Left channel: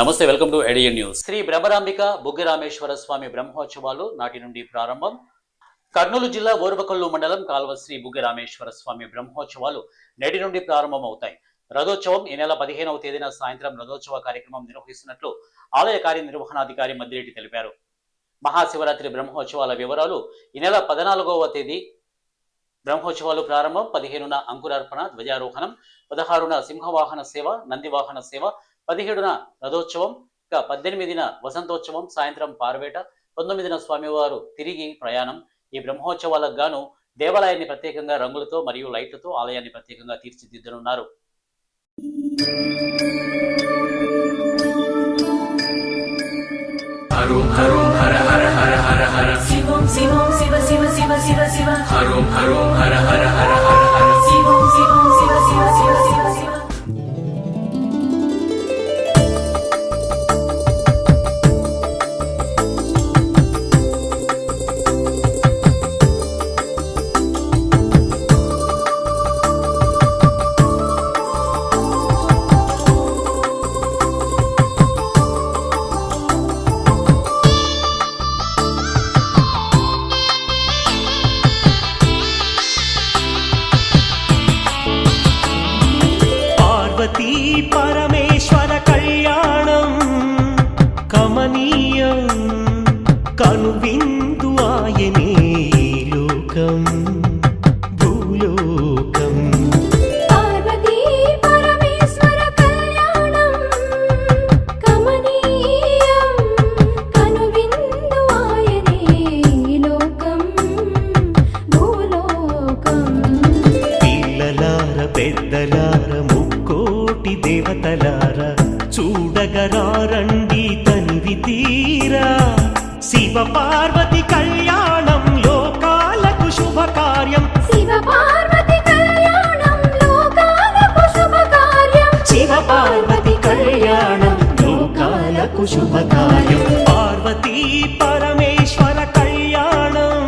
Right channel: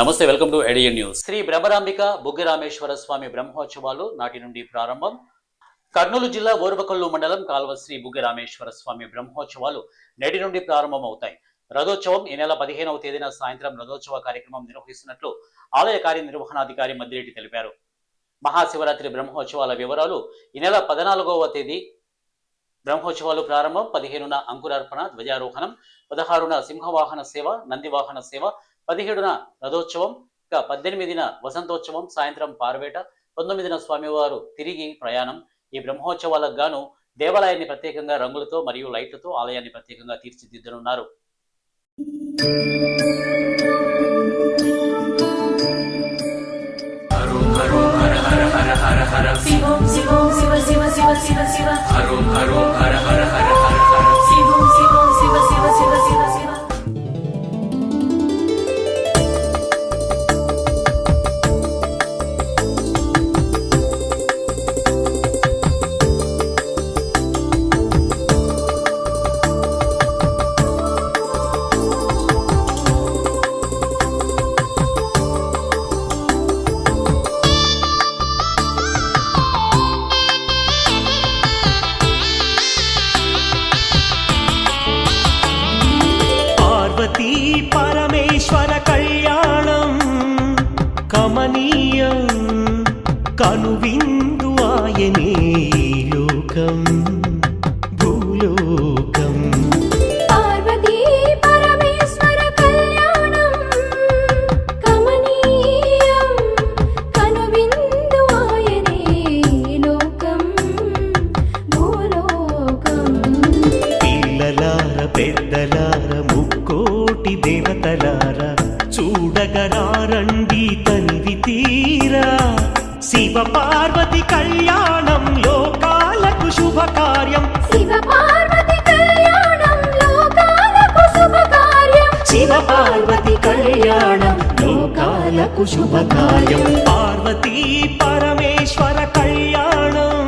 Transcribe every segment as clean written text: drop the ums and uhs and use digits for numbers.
నమస్తే, welcome to ఏడియన్ news. Shri Brahmarambika Buggarameshwara Swamy బ్రహ్మోత్సవాలు నాటి నుండి ప్రారంభం. కర్నూలు జిల్లా ఓర్వకల్లు మండలం కాల్వ శ్రీ బుగ్గరామేశ్వర స్వామి బ్రహ్మోత్సవాలు నేటి నుండి ప్రారంభమవుతాయి. రథోత్సవం ఈ నెల 15వ తేదీన సాయంత్రం రథోత్సవ కార్యక్రమం నిర్వహిస్తున్నట్లు ఆలయ కార్యనిర్వహణాధికారి మద్దిరెడ్డి తెలిపారు. మహాశివరాత్రి బ్రహ్మోత్సవాల వివరాలు: ఈ నెల 14వ తేదీ బ్రహ్మోత్సవాలు ప్రారంభం, 15న అంకురార్పణ ధ్వజారోహణం, 16న సింహవాహన సేవ, నందివాహన సేవ, 17న రథోత్సవం, 18న వసంతోత్సవం, సాయంత్రం పార్వేట, 19న స్వామివారు తిరిగి ప్రయాణం. ఈ బ్రహ్మోత్సవాలకు గాను దేవాలయాన్ని ప్రత్యేకంగా రంగులతో మరియు లైట్లతో ఆలయాన్ని ప్రత్యేకంగా తీర్చిదిద్దనున్నారు. పార్వతీ పరమేశ్వర కళ్యాణం కమనీయం, కనువిందు ఆయనే లోకం భూలోకం. పిల్లలార పెద్దలార ముక్కోటి దేవతలార చూడగరారండి తనివి తీరా. శివ పార్వతి కళ్యాణం లోకాలకు శుభకార్యం, శివ పార్వతి కళ్యాణం లోకాలకు శుభకార్యం. పార్వతీ పరమేశ్వర కళ్యాణం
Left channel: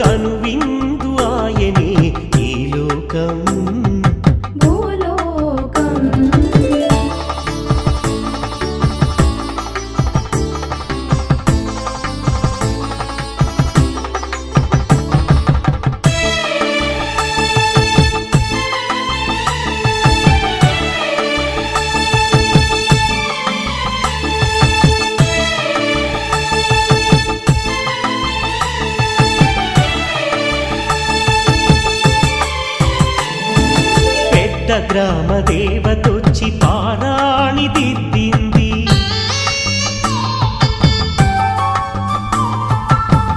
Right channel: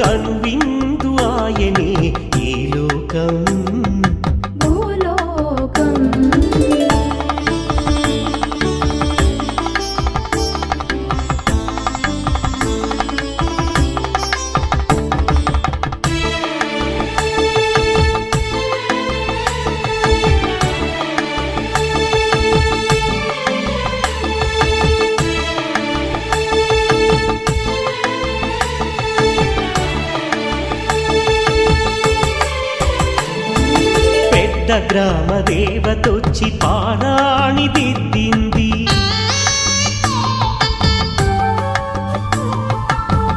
కనువిందు ఆయనే ఈ లోకం. పెద్ద గ్రామ దేవతొచ్చి పారాణి దిద్దింది,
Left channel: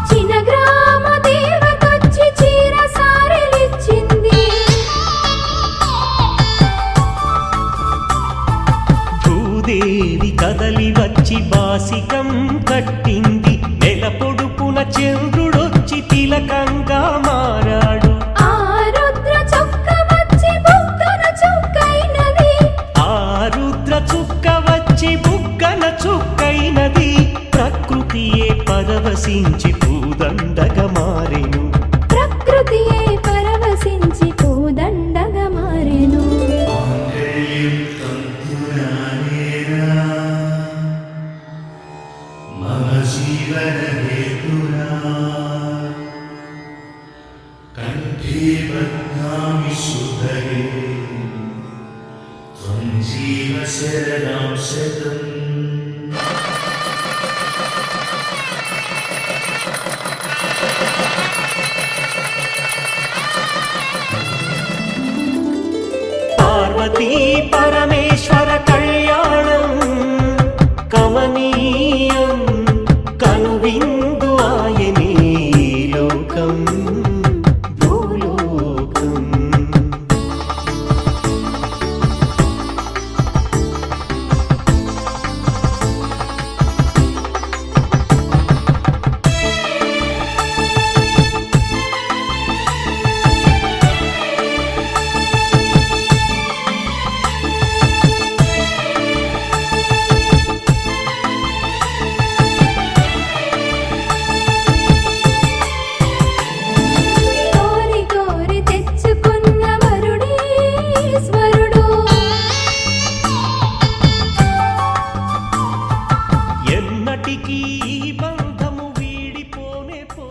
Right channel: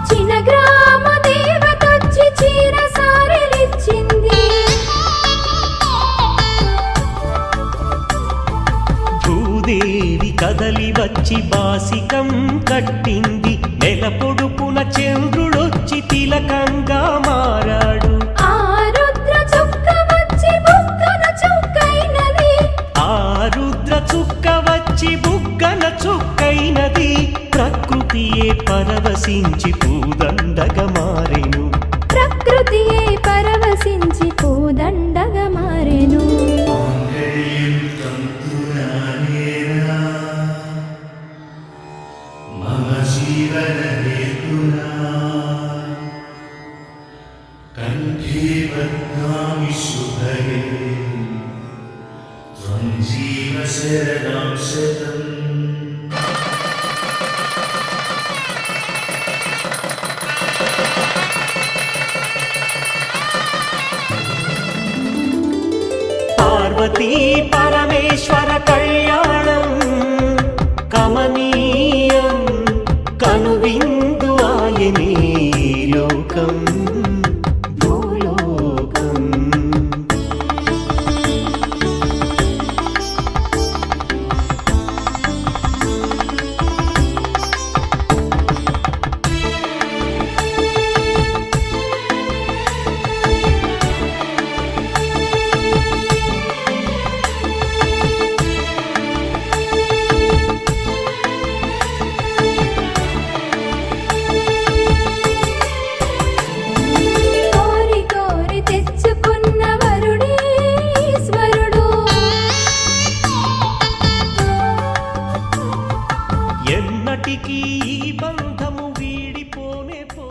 చిన్న గ్రామ దేవతొచ్చి చీర సారెలిచ్చింది. భూదేవి కదలి వచ్చి బాసికం కట్టింది, నెల పొడుపున చంద్రుడొచ్చి తిలకంగా మారాడు. ఆ రుద్ర చుక్క వచ్చి బుగ్గన చుక్కైనది, ప్రకృతియే పరవశించి పూదండగా మారెను. ప్రకృతియే పరవశించి పూదండగా మారెను. మాంగళ్యం తంతునానేనా మమ జీవన హేతునా కంఠే బధ్నామి శుభగే త్వం జీవ శరదాం శతం. పార్వతీ పరమేశ్వర కళ్యాణం కమనీయం, కనువిందు ఆయనే లోకం భూలోకం. ఎన్నటికీ ఈ బంధము వీడిపోనే పో